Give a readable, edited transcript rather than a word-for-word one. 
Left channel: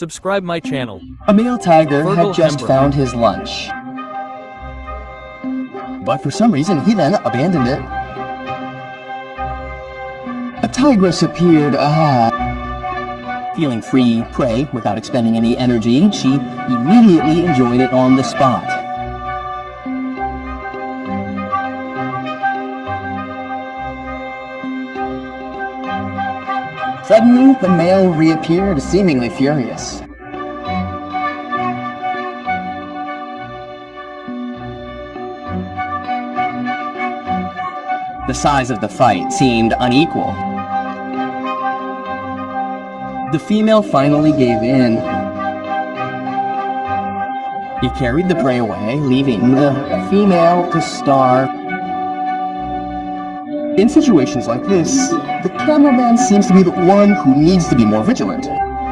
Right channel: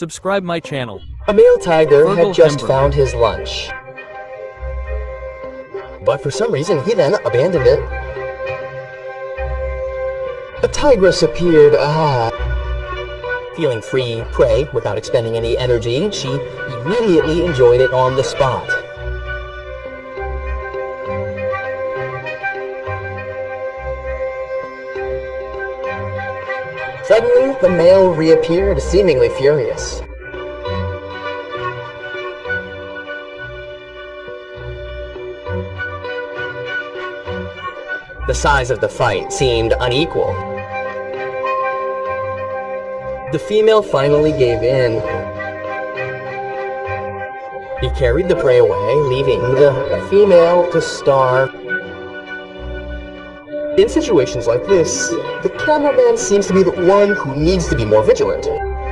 Subscribe my channel. A male tiger Fergal had just Hember. found his lunch. But for some reason, he then abandoned it. A tigress appeared, feeling free prey without expending any energy. She immediately enjoyed it on the spot. Suddenly, the male reappeared, seemingly furious. The size of the fight seemed unequal. The female finally gave in. He carried the prey away, leaving the female to starve. In situations like this, the cameraman seems to be the one who needs to be more vigilant.